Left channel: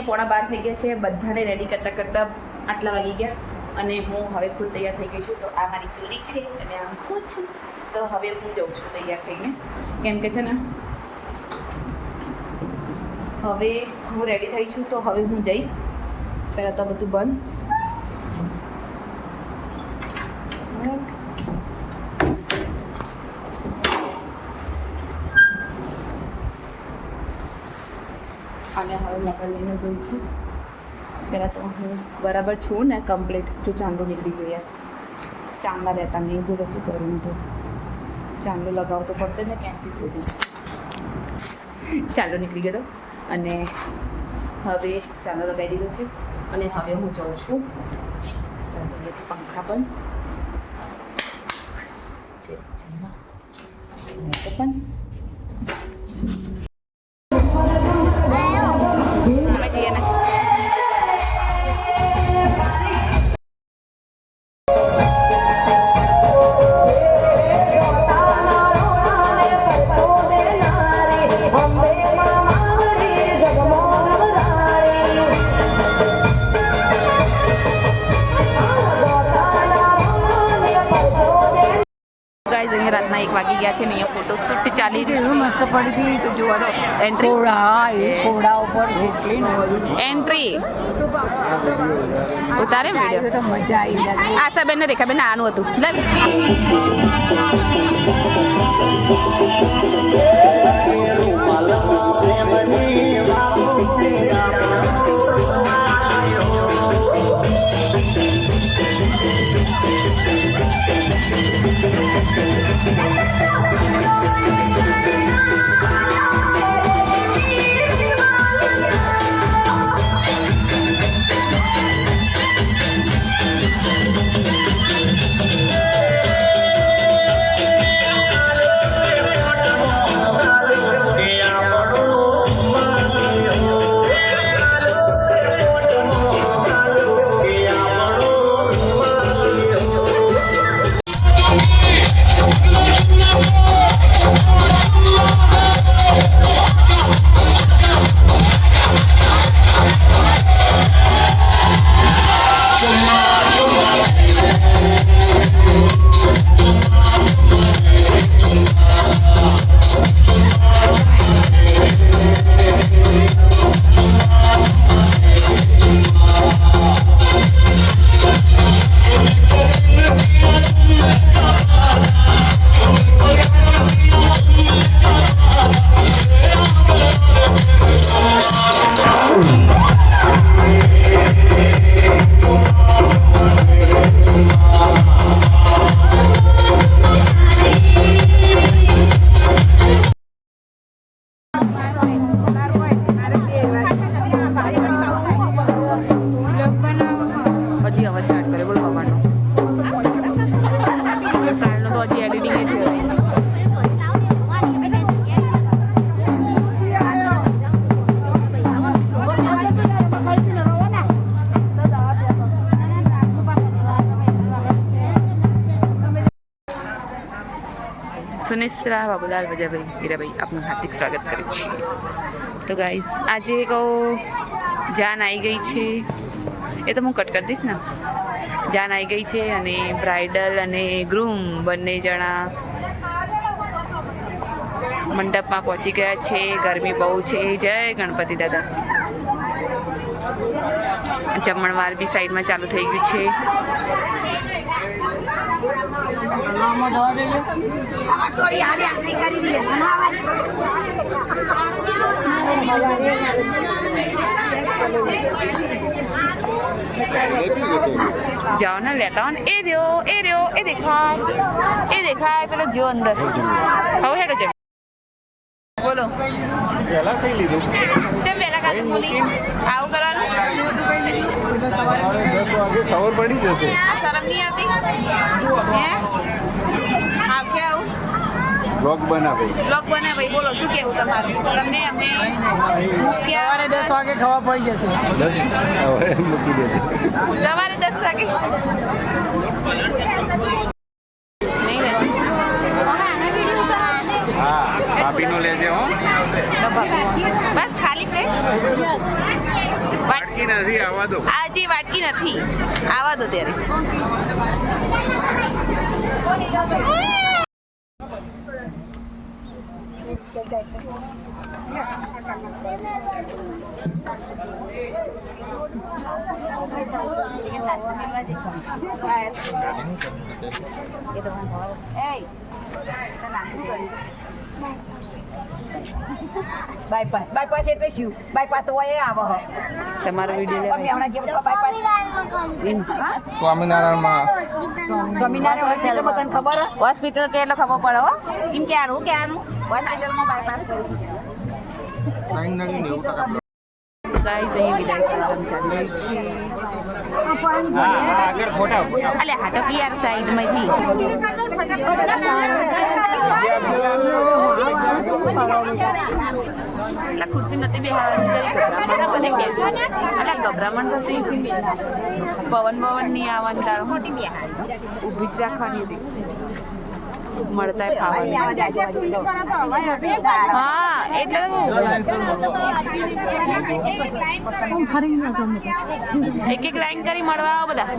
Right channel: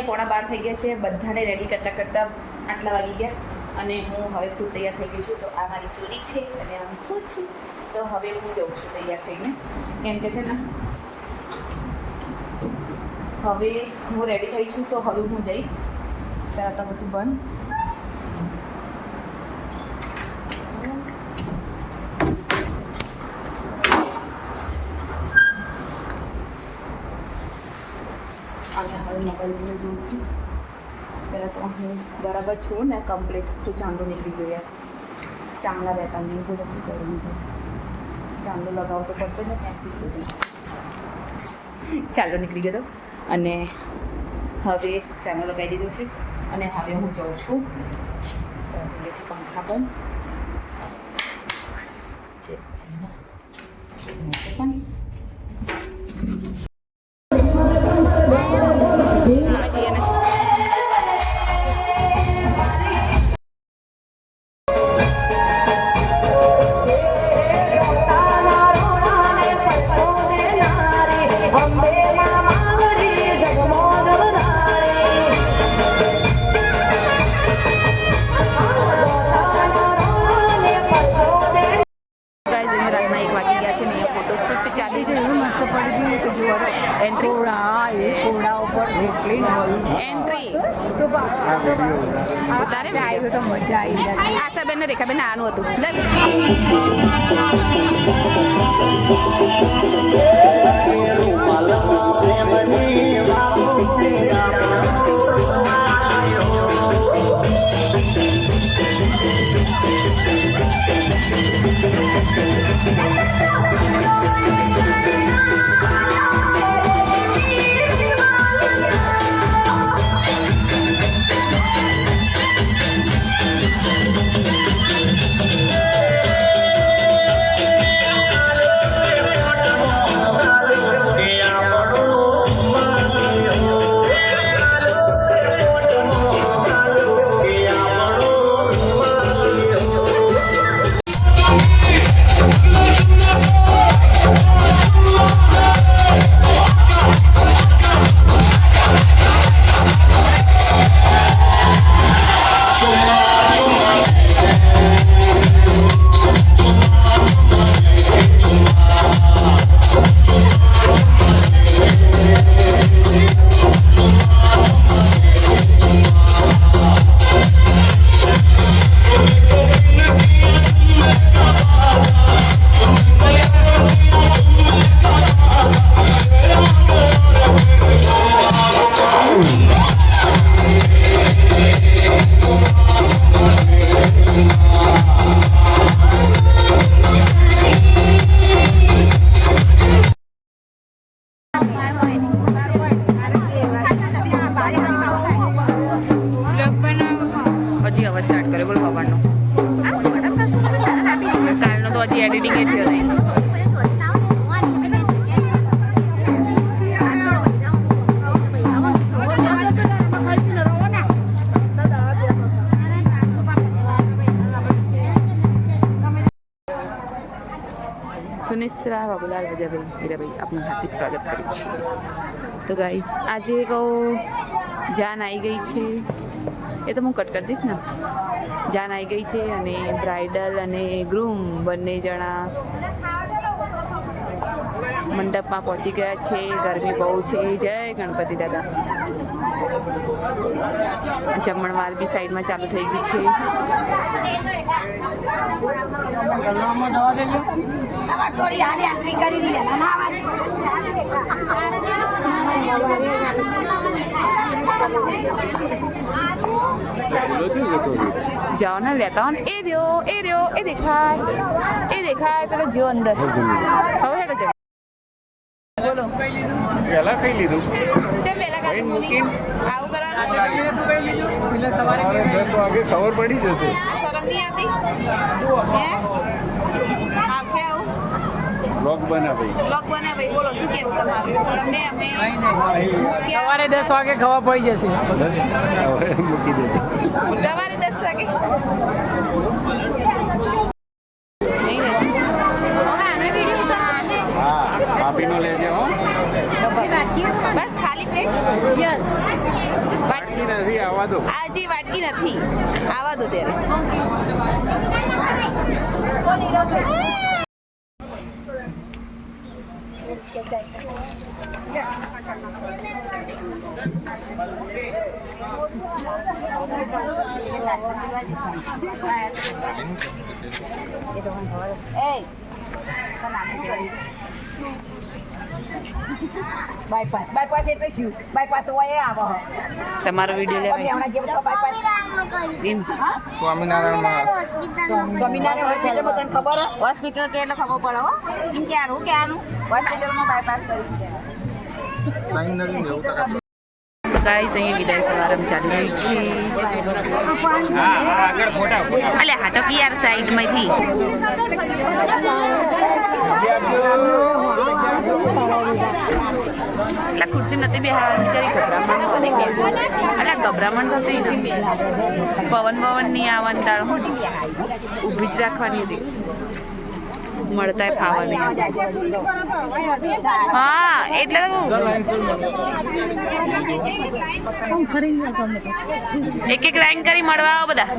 12:15 થઈ ગયા છે. બધાને રેડી કરતાં કરતાં આટલા વાગી ગયા અને હું હવે ખુદ તૈયાર થઈ ગઈ છું. તો આ મારી ચોરી છે અને આમ ખુદ છું. તો હવે હું જાઉં છું તૈયાર થઈને, કેમ કે છે ને હવે હું રેડી થઈ છું. તો હવે હું જઈશ. પહેલાં તો બધું બંધ. અને હવે મોબાઈલ લઈને જોઉં છું. પહેલાં તો હું બરાબર છું ને કમ્પ્લીટ. જો ચાંદલો નીકળી ગયો યાર, ચાંદલા રહેતા નહીં. હું તો શું કરું? તો ચાંદલો લગાવવો તો પડશે ને ક્યાંથી સુધી. ચાંદલો નીકળી ગયો અને હવે ચાંદલો લગાવી દીધો છે અને હવે હું જાઉં છું. પંખા બંધ છે પણ રાતના 1 વાગી ગયા છે. અહીંયા ફોટો શૂટ ચાલી રહ્યું. મસ્ત પડી ગઈ તો જોવા એન્ટ્રી ઘોડા ઉપર એન્ટ્રી ઉતારે તો મજા આવી. આશાબેન ને રેખાબેન આનું હતું. હજી અવાજ સ્ટાર્ટ કર્યો. બોલ પપ્પાનો કાલનો તો હજી એડિટિંગ એ થયો નહીં. સુનિશ્રા બાબુલાલ વજાભાઈ હીરાભાઈ આપનું હાર્દિક સ્વાગત કરે છે. તો ગાઈઝ આજે કહું જાન આવી ગઈ છે. એ તો હું કટ કરી દઈશ ને. જાન આવી ગઈ છે અને બ્રાઇડલ અને ગ્રૂમ બંને જણા મંડપમાં પહોંચી ગયા છે. ગરમી બહુ છે. જય ગણપતિ દાદા. જમણવાર બી સાઈડમાં ચાલુ થઈ ગયું છે. જાઓ ને લેતા હો ને. એ રહ્યો એ દેખાય પેલો જો અંદર. હવે હેડો છે. બોલો પહેલા કઈ લીધું? કેમ પહેલા ખાધું મુની? આવું કરવાનું? સવારે 10 વાગે ખબર પડી જશે. આ શરમ નહીં આવતી? હે આવ કે આવું બ્લોગ બનાવે. બ્લોગ બનાવે. બોલો શું કેવું તમારું? તમને અમે સવારે 10 વાગે ખબર પડી જશે. હવે મૂકી દે. સવારે 10 વાગે નહીં લે. હા ભાભીનું લેજે હો. તો બસ ખાલી પ્લેટ બાકી નથી આવવા દો. હજી વાટકી નથી આવા દો ત્યારે બાયપાસ એટલે શું? બાયપાસ તો એ આવે તમારો વિડીયો લેવાય હમણાં જેમ તો બાયપાસ એમ સ્વામિનારાયણ સ્વામિનારાયણ હોસ્પિટલ બધાને ખબર હે? હોસ્પિટલ કે એટલે ખબર પડે હો એમ ક્યાંનું હોસ્પિટલમાં બાયપાસ તો ગાઈઝ અહીંયા વિદાય સમારંભ ચાલી રહ્યું છે અલે હા તો કે યાર સાઈડમાંથી એટલે ખુરશી નથી બેહાડવાની બિચારી ગભરામણ અલા ગભરામણ થશે ને પવન નહીં આવવાની તારો ઊભી જ રાખવાની હતી મળતા ખાવા નહીં હા એટલે એક એક લાઈન કરી મળવા આવો બધા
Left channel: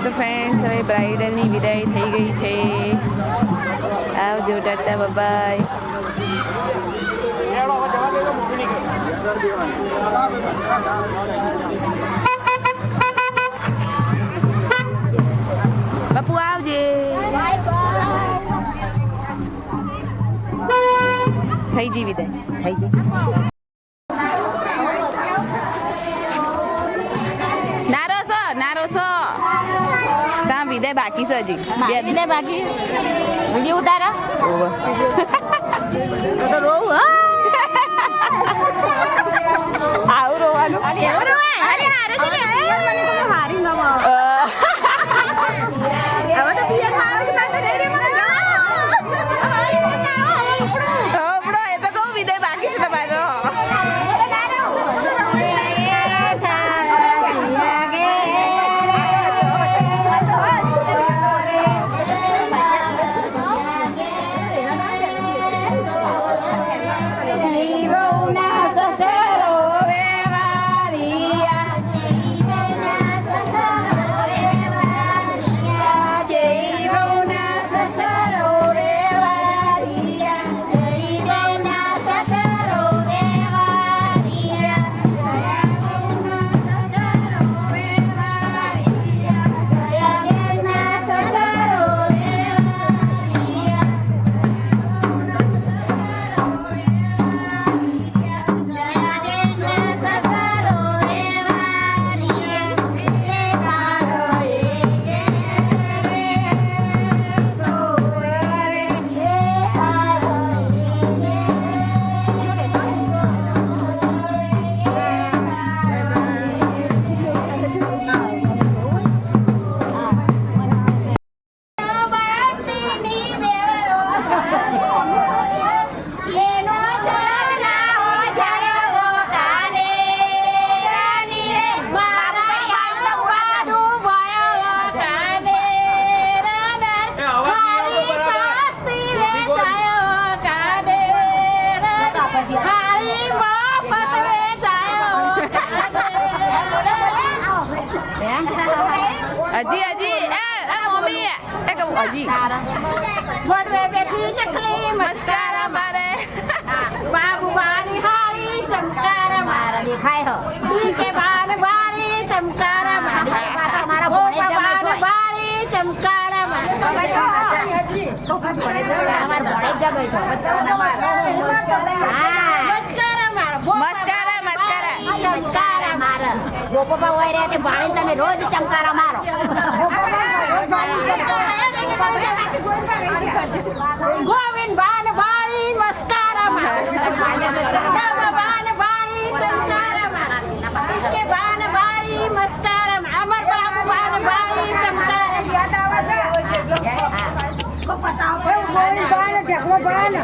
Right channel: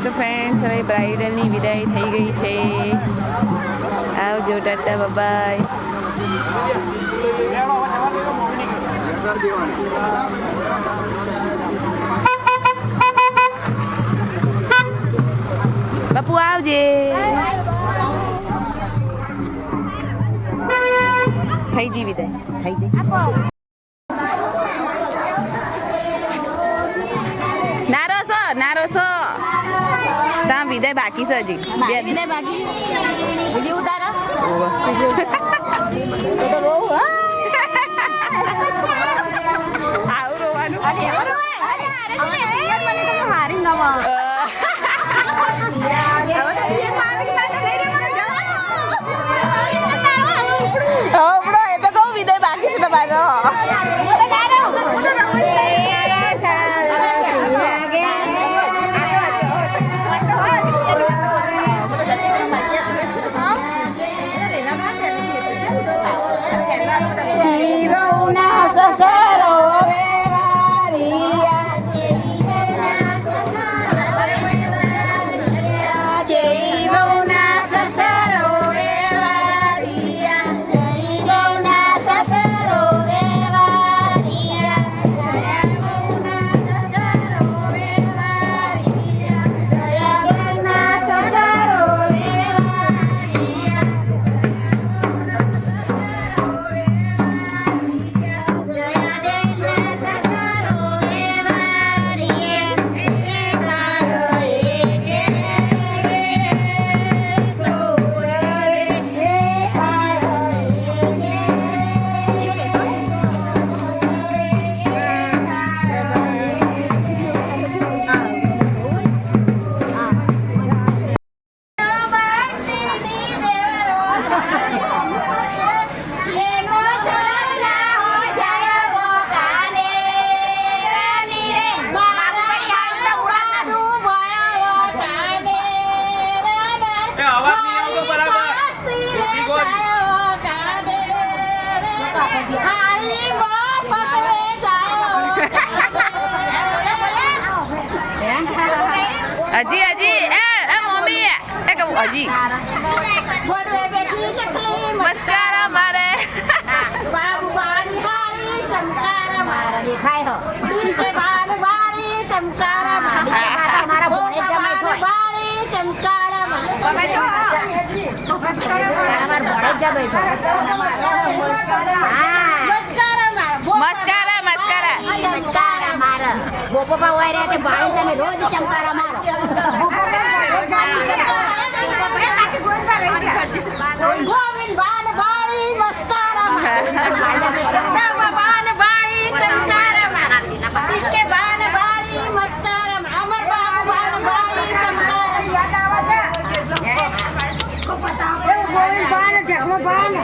તો ફ્રેન્ડ્સ હવે બ્રાઇડલની વિદાય થઈ ગઈ છે આવજો ટાટા બાય બાપુ આવજે થઈ જી વિદાય થઈ જઈ નારો સો ત્યાં વિદાય બાકી છે હજી વિદાય બાકી વિડીયો ઉતારા આવું રોવાનું એ તો કહું વિદાય બાકી છે તમારો હજી એ મમ્મી એ કહું હજી મસ્કારા મારે બાબુ મારી હારી ચમકારે મારે દેખાય હો કે બાને બારી ચમકારે મારે ઓ બાને બારી ચમકારે મારે મસ્કારા ચમકારે મારે ગોપોબા હોય રે તે ભાણી તમે રોજ ચમકારા મારો ગોવિંદ બાન બાળી મસ્કારા મારો બાન બાળી ચમકારા મારા કે બાન બાળી મસ્કારા અમર બાબુ બાન બાળી ચમકારા કો પતા ગોવિંદ બાન ઝાડો બાન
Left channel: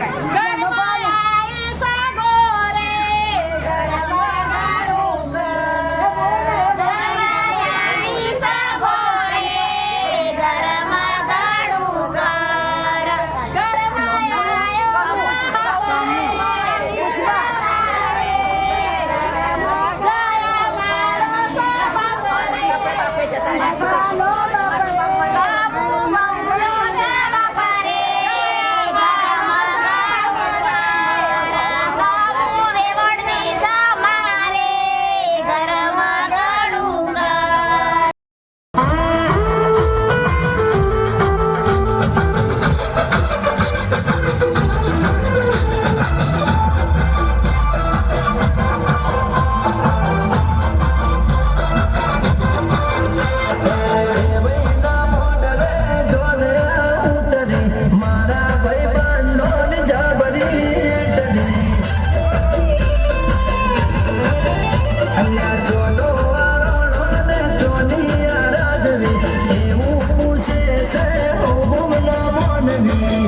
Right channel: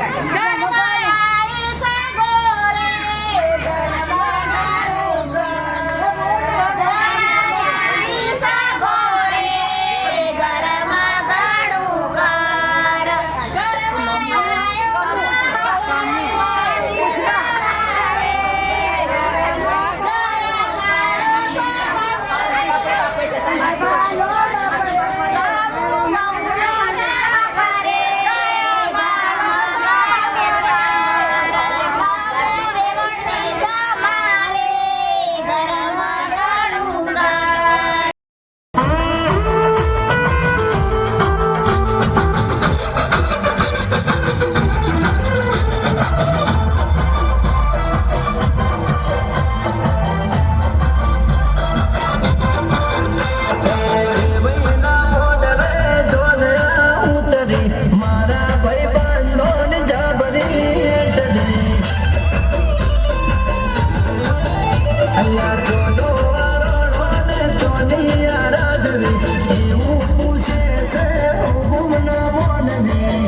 એવું પૂછે છે હું ના મોનવી